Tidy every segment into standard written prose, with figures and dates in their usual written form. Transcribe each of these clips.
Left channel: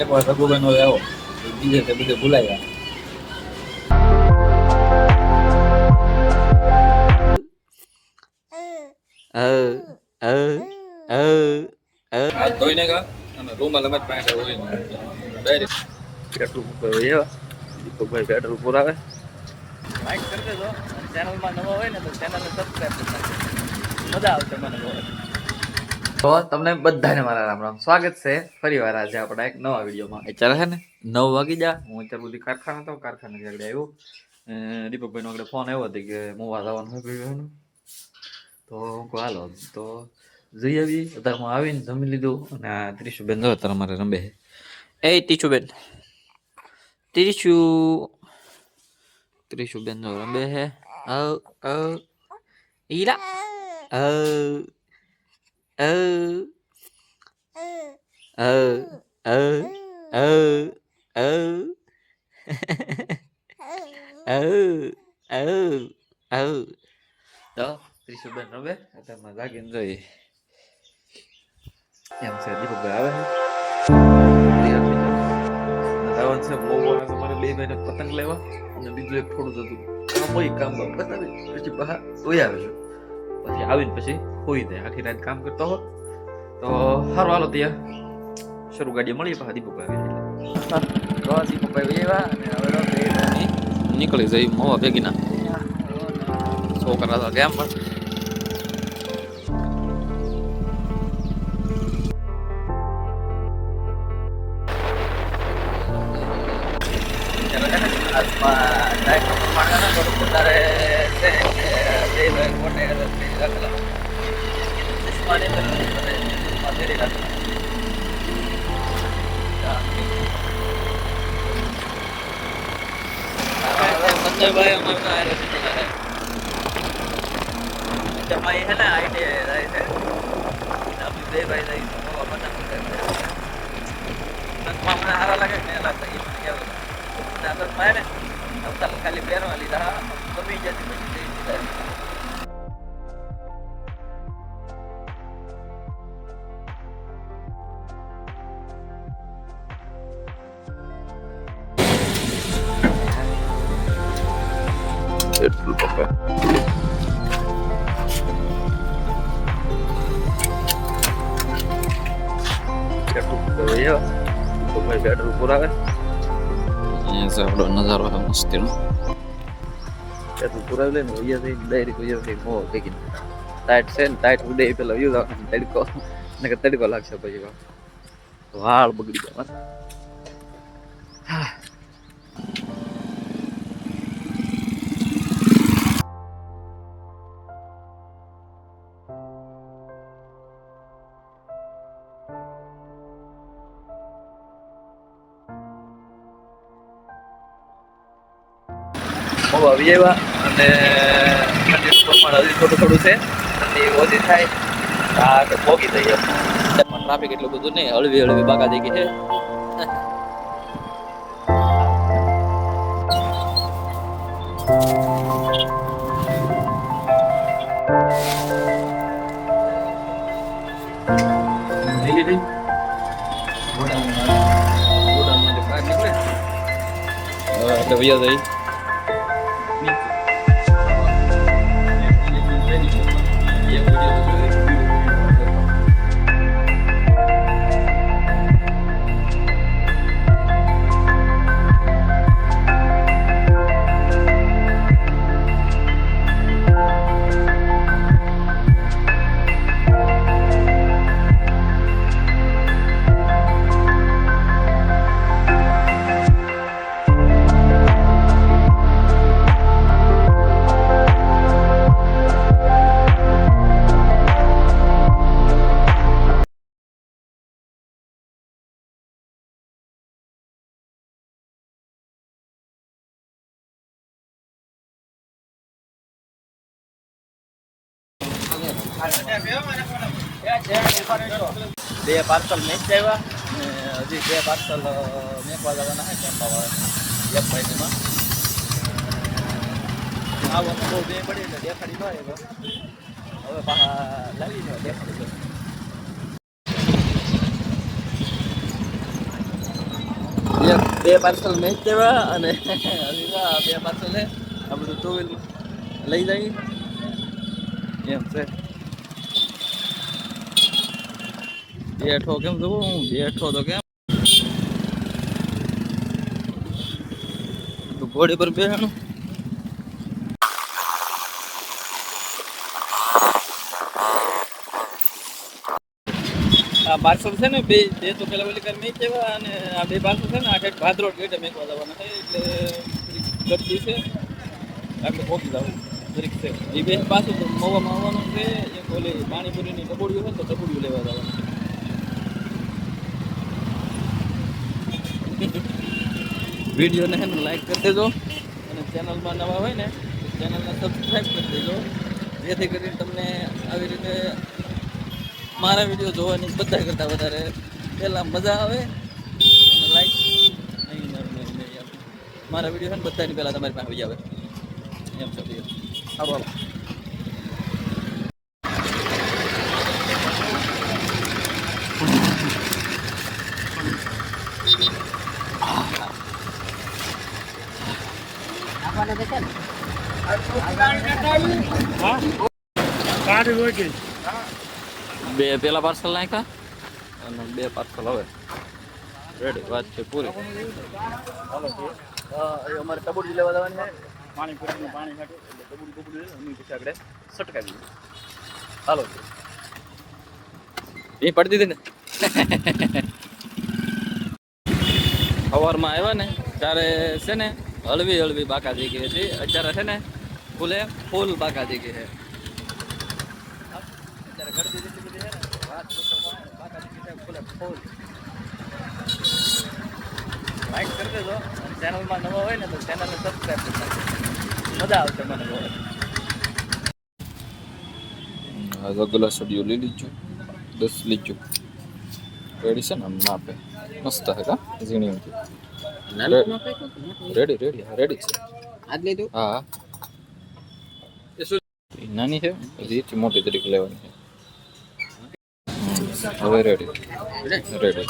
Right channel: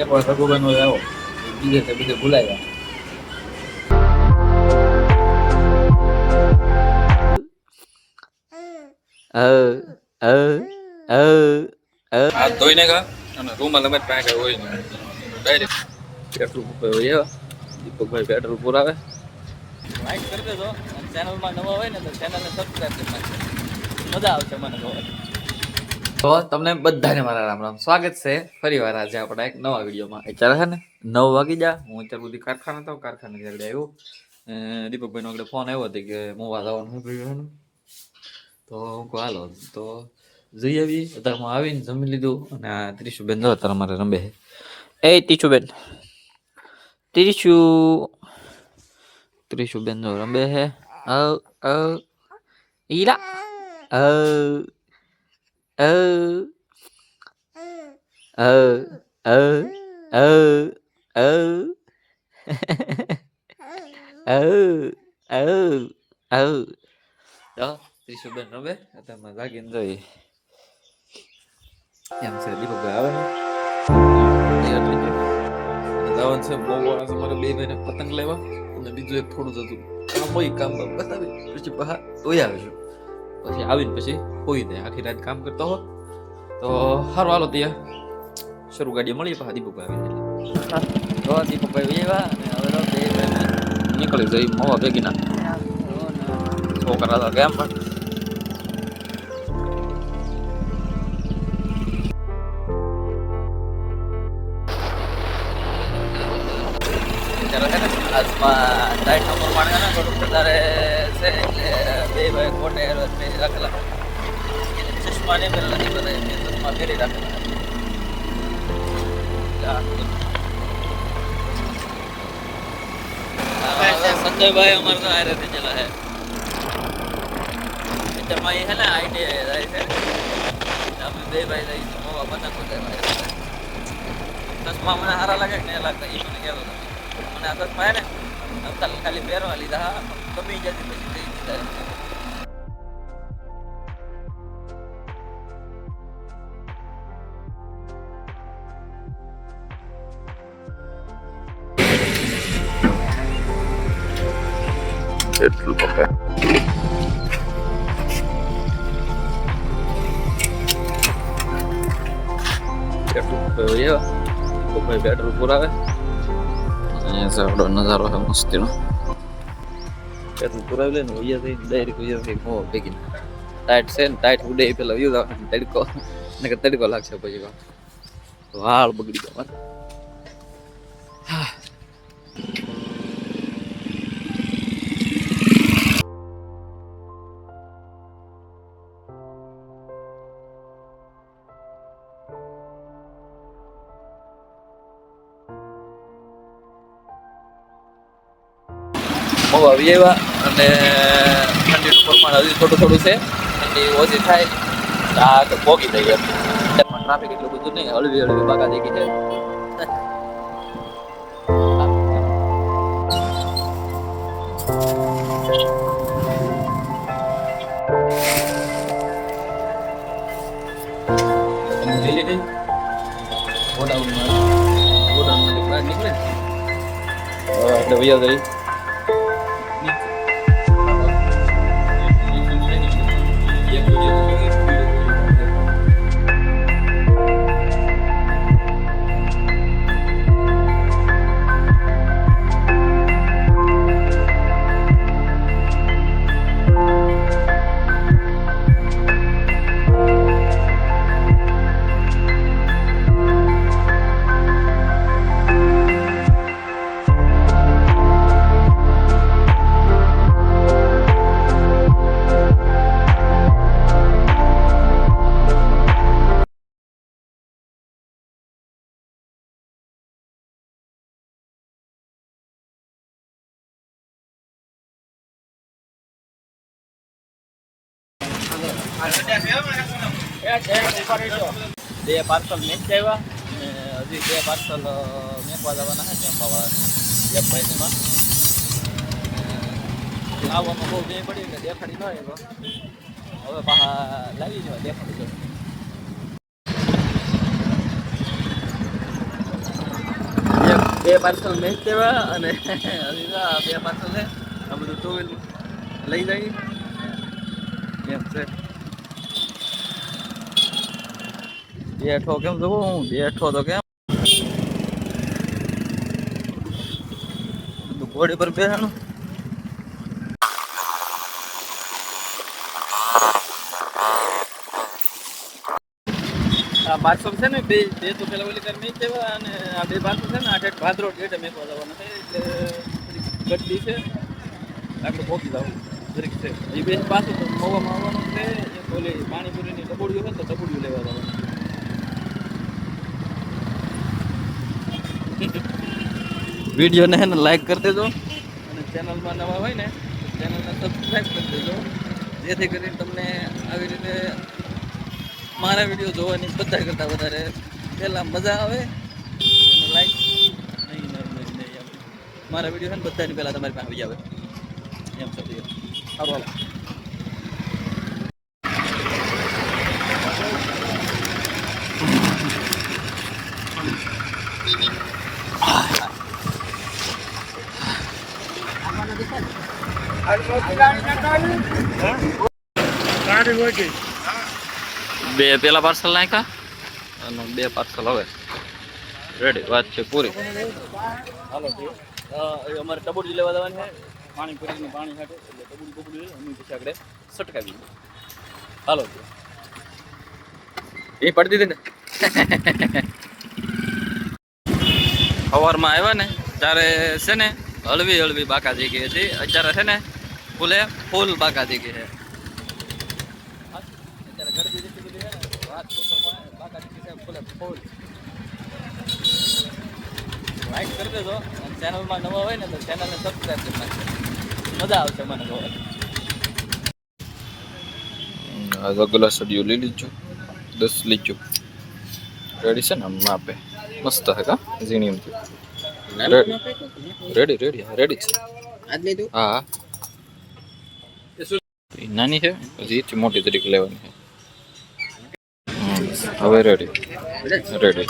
એક વાર રઘુભાઈ નો આવ્યો બીજે તે બધે ભૂલાયા. હાથ ધોઈને કા અને રૂમાલ અમે પાસે હોય ને ડાયરેક્ટ પેટ્રોલ પંપ હોય દીપકભાઈ પેટ્રોલ પુરાવે. લાઈક કરી દેજો અને ચેનલમાં નવા હોય ને તો ચેનલને સબસ્ક્રાઇબ કરી નાખજો. મજા આવશે મને જોવાની. તો તમને બધાને મારા રામ રામ, સ્વાગત છે ફરી વાર આજે આપણા એક નવા વિડીયોમાં. અત્યારે છે ને 9 વાગી જા, હું અત્યારે બધી કારખાના હતો, કારખાને આગળ આવ્યો. દીપકભાઈનો આગળ ફોન આવ્યો હતો કે મોવા જવાનું શું તો હું કહું હાલો તો જઈ આવી. અત્યારમાં આવીને જમી લીધું અને આ ત્રીશુબેન જો અત્યારે અમારે રંબે છે. એ ત્રીશુબેન, ત્રીશુબેન જો રંબે છે. ઈરા ત્રીશુબેન રંબે અત્યારમાં જાગીને જોઈએ એમ છે. દીપકભાઈ આવે દાવન છે બહુ વાળા તમારે બે ભાઈને પતંગ લેવા અને બીજું એક થોડું હતું કામ હોય, કામ બતાવી પછી બહાર હોય આવે છે. પછી આવીને પછી હોઈ જાય, આખી રાત કામ કરતા હો તો સારું. હાલો ત્યાં શરૂ ગાડીએ મળીએ. પાછા દીપકભાઈ આવી દીપકભાઈ એવા અને હવે બે નીકળી જઈ મોવા ભેગીના છોકરા હતા કેમ પણ વધારે છે બે ભાઈ મોટે રાખેલા ચશ્માને ફેરી રાખેલા. સંજયભાઈ તમારી છે ને આઈટી રહે છે આપણે બે ભાઈ રહી ચશ્મા મને સારા લાગે ને લાગતા એ મને કહેવું મને આદત થાય ને ખાલી પહેરવા લીધા ગમી જાય પછી થઈ જાય. એટલું પપ્પા પેટ્રોલ પુરાવે. અહીંયા છે આપણો નજારો છે મસ્તીનો. પેટ્રોલ પુરાવી લે ને વૈયા થઈ ડાયરેક્ટ વૈયા થઈ મોવા ભેગી ટાઈટ છે ને ટાઈટ ઉડે પેલા વ્યૂ આવે તડકો ને કે તડકો લાગશે પછી વાળ બગડી ગયા મારે. હા આવી આવ્યા અને ઠંડીનું પ્રમાણ હજી થોડું છે. ઠંડી ઓછી થાય આ તો પોગી થઈ ગયો. ટ્રાફિક એટલું બધું નહીં, હળવી હળવી બાકા થઈ ગઈ છે. લીધી ગોડાઉન બહાર નીકળે એટલે વૈયા જઈ બે પાર્સલ મેચ આવ્યા અને હજી બે પાર્સલ મેકવા જવાના છે ટેમ્પાવાળા એક મહિનામાં. આવવામાં બહુ બે પડી એટલે દેખાડી ન આવ્યો. હવે પાછા લાવી દેવા દેખાડી દો. બે પાર્સલ મેચ દેવા અને હજી તો આ બે પાર્સલ છે આ બધું ટુ વ્હીલમાં લઈ જાય એમ છે. બેઠો કેમ જવું હું બેઠો તો કેમ ઘોડી પર બેસવાનું. આ પાર્સલ છે ને બે બે તો પેલા ઓલી કર મેચ દેવા અને આ બે પાર્સલ છે ને આ ભાદરોડ ગેટે મેકવા જવાના છે એટલે ગड्डी છે આપણે પહોંચી જવું દરેક છે. એ બે પાછું મવામાં આવવાનું છે. એક ઓલી પાણીપુરીની ટબુડીઓ છે તો ટબુડીઓ લેવા જવાનું. વિડીયોને હે ને લાઈક કરી દેજો અને ચેનલમાં નવા હોય ને તો ચેનલને સબસ્ક્રાઈબ કરી દેજો જેથી કરીને તમને આવી રીતે મારા વિડીયો જોવાની બધા કરતાં વધારે પહેલાં મજા આવે અને લાઈક નહીં મારા વિડીયો છે ને બધાની પહેલાં તમારી પાસે આવી આવે એમ છે. સારું બે પેલા પાર્સલ નાખ્યા અને બે પાર્સલ હવે રેડી વાત છે પૂરી. હાલો અમારે ટબુડી લેવા જવાની છે પાણી પૂરીને પાણી સાથે એટલે ટબુડી બબુડી લે અમે પછી આગળ સટકાવી દઈએ. હાલો એ પડી દીધી ને સવારમાં આવ્યા ને ત્યારે છે ને હળવી હળવી બાકાજી ગઈ હતી. અત્યારે છે ને ફૂલે ફૂલ બાકાજી ગઈ છે. અત્યારે ગરદી જેટલી બધી છે ને વાત પૂછો બાકાજી ગઈ ફૂલે ફૂલ. લાઈક કરી દેજો અને ચેનલમાં નવા હોય ને તો ચેનલને સબસ્ક્રાઈબ કરી નાખજો. મજા આવશે મને જોવાની. આ ગ્લાસ અડીઓ લઈ લીજો 10 લીજો રેડી છે ને માપે મસ્ત હે કા ઝીણી એમથી રેડી રેડી રેડી છે આજ લીધું. હા નાની છે પછી એથી મોટી તરીકે લેવાની છે. હવે રેડી રેડી રેડી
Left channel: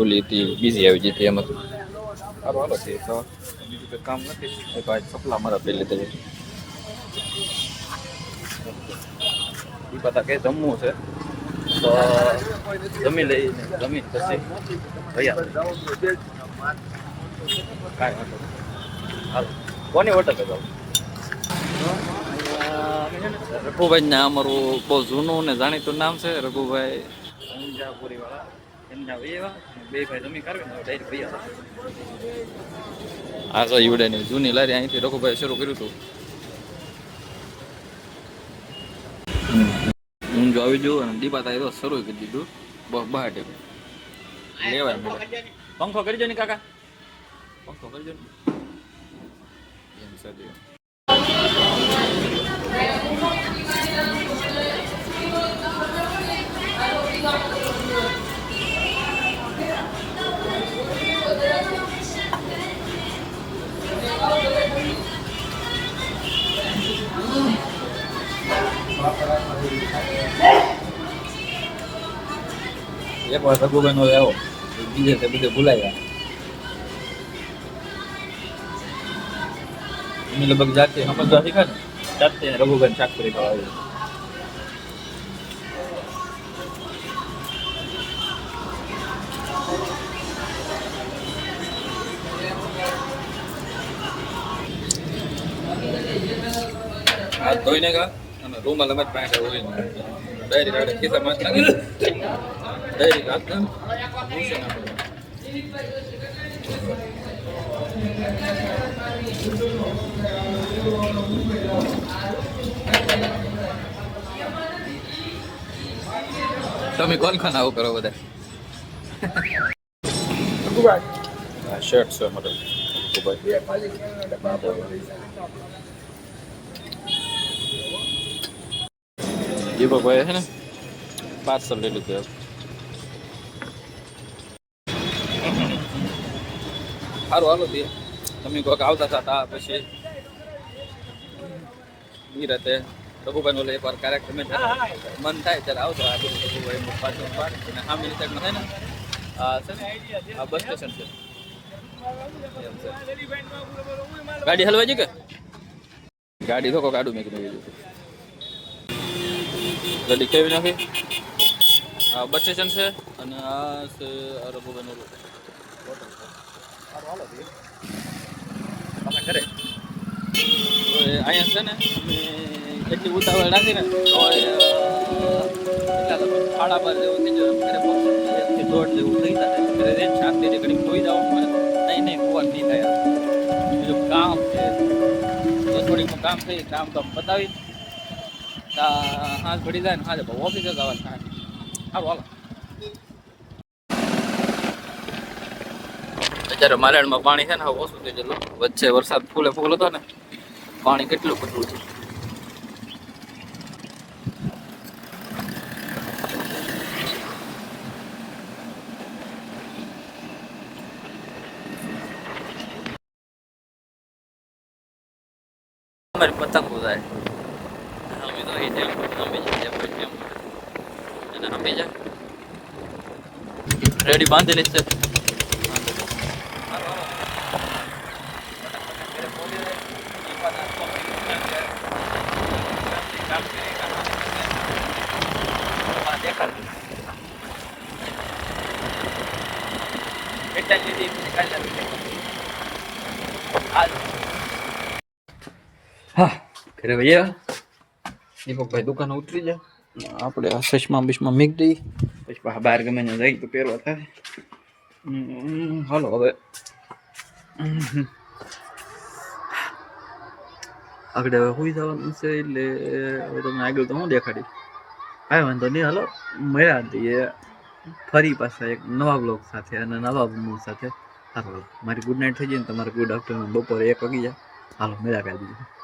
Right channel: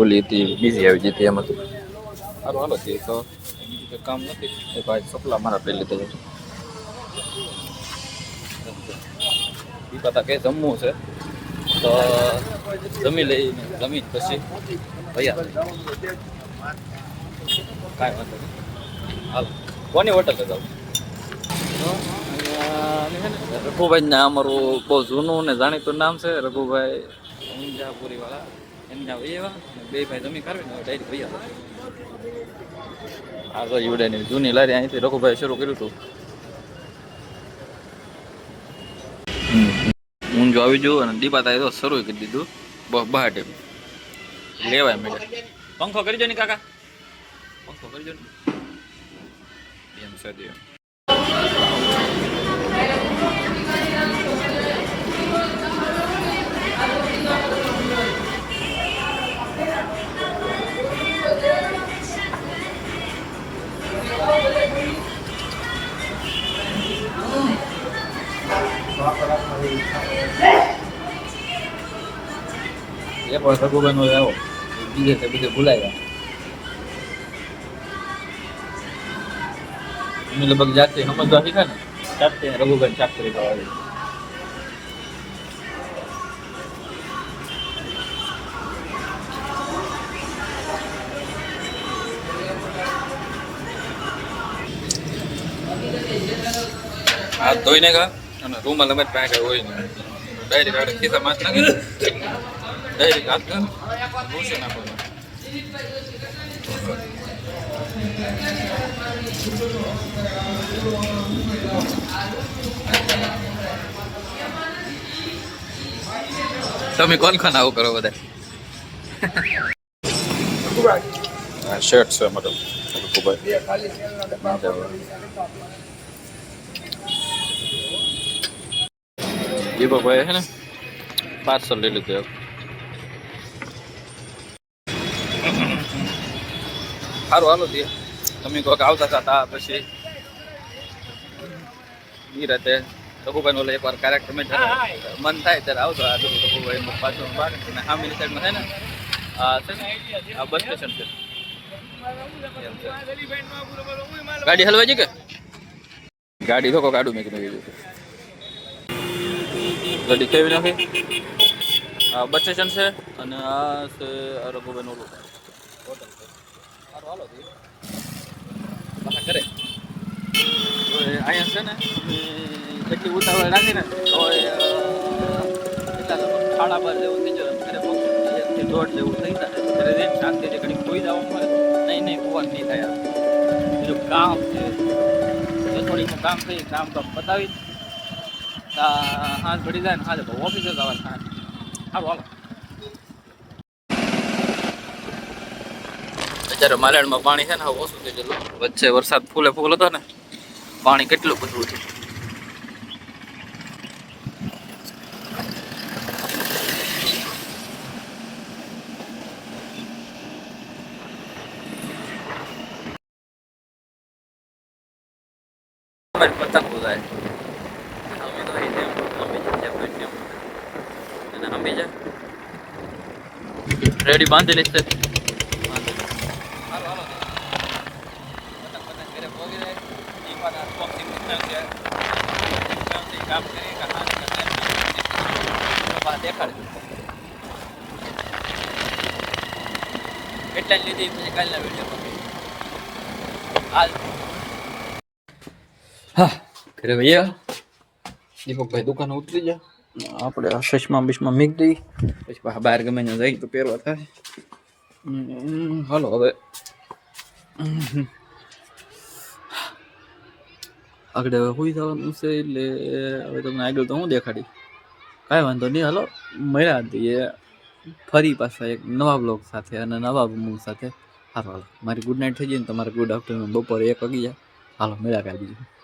ઓલી હતી બીજી આવી જતી એમાં સારું હાલો હતી તો બીજું કંઈ કામ નથી. એ ભાઈ સપલા મારા પહેલી લીધા છે. એ પતા કે જમવું છે તો જમી લઈને જમીન પછી ભૈયા કાંઈ વાંધો નહીં. હાલો કોની હોટલે જાવ રઘુભાઈ ના અમારું બહુ જૂનું ને જાણીતું નામ છે રઘુભાઈ ઊંઝાપુરી વાળા. એમના એવા બે ભાઈ જમી કરવી ને ડાયરેક્ટ ભૈયા. આ તો યુડાની જૂની લારી અહીંથી રઘુભાઈ શરૂ કર્યું હતું. હું જો આવી જઉં અને દીપાતા તો શરૂ કરી દીધું બહાર લેવાય મેળે. પંખો કરી દો ને કાકા પંખો કરી દો ને એમ સદી એક વાર રઘુભાઈ નો આવ્યો બીજે તે બધે ભૂલાઈ ગયા. અમે લગભગ જાતે સમજવા શીખ્યા ને જાતે રઘુભાઈ શાક કરી ખાવા આવી. હાથ ધોઈને કા અને રૂમાલ અમે પાસે હોય ને ડાયરેક્ટ આડે ખિસ્સા માથ નાખી ડાયરેક્ટ હાથ ના ભૂસે નાખો. તમે કોણ ખાન આવું કરો બધા? શર્ટ છે મતલબ દીપકભાઈ છે ને પાર્સલ લઈ લીધું. સારું હાલો દે તમે કોઈક આવતા હતા પછી નિરાતે રઘુભાઈ નો એકવાર કાર્યક્રમ મન થાય ત્યારે આવતો. આ બધું રઘુભાઈ પાછળ અને સામેની સાઈડમાં થાય ને આ છે ને આ બસ સ્ટેશન છે એમ છે. ગાડી હલવાઈ છે કે ગાડી તો કાઢું મેં કીધું ગાડી કેવી નાખી આ બસ સ્ટેશન છે અને આ છે રઘુભાઈ ઓલું હોટલ છે સારું હાલો પાછા ઘરે અહીંયા છે ને અમે એટલી ઉતાવળ રાખીને તો એટલા લગભગ 12:30 જેવું થઈ જાય ઘરે પહોંચે 1 થી 1:30 જેવું થઈ જાય ઘરે રેન શાંતિથી ઘડી ખોઈ જવાનું હોય નહીં કુવાનું નહીં થાય બીજું કામ છે રસોડીનું કામ થઈ કામ પતાવી હાથ ઘડી જાય ને હાથે ઓફિસે જવાનું થાય સારું હાલો અત્યારે માલેણમાં પાણી છે ને હવે ઓછું થઈ ગયેલું વચ્ચે વરસાદ ફૂલે ફૂલ હતો ને પાણી કેટલું બધું છે પતંગ ઉડાય રેડી બાંધેલી છે હા ઘરે ભૈયા દીપકભાઈ દુકાને ઉતરી જા આપણે આ ચશ્મા બિશ્મા મીક દઈ પછી પાછા બહાર ગમે ને જાય તો પહેરવા થાય હાલો હવે આગળ હવે હોઈ જવાનું છે એટલે હવે તમને આગળ તો હું દેખાડી કાંઈ વાંધો નહીં હાલો મળ્યા દઈએ ફરી પાછા એક નવા બ્લોગ સાથે અને નવા મૂડ સાથે હાલો હાલો મારી ગુડ નાઇટ થઈ જાય ને તમારે ગુડ આફ્ટરનૂન બપોરે 1 વાગી જાય હાલો મળ્યા કાંઈ બીજું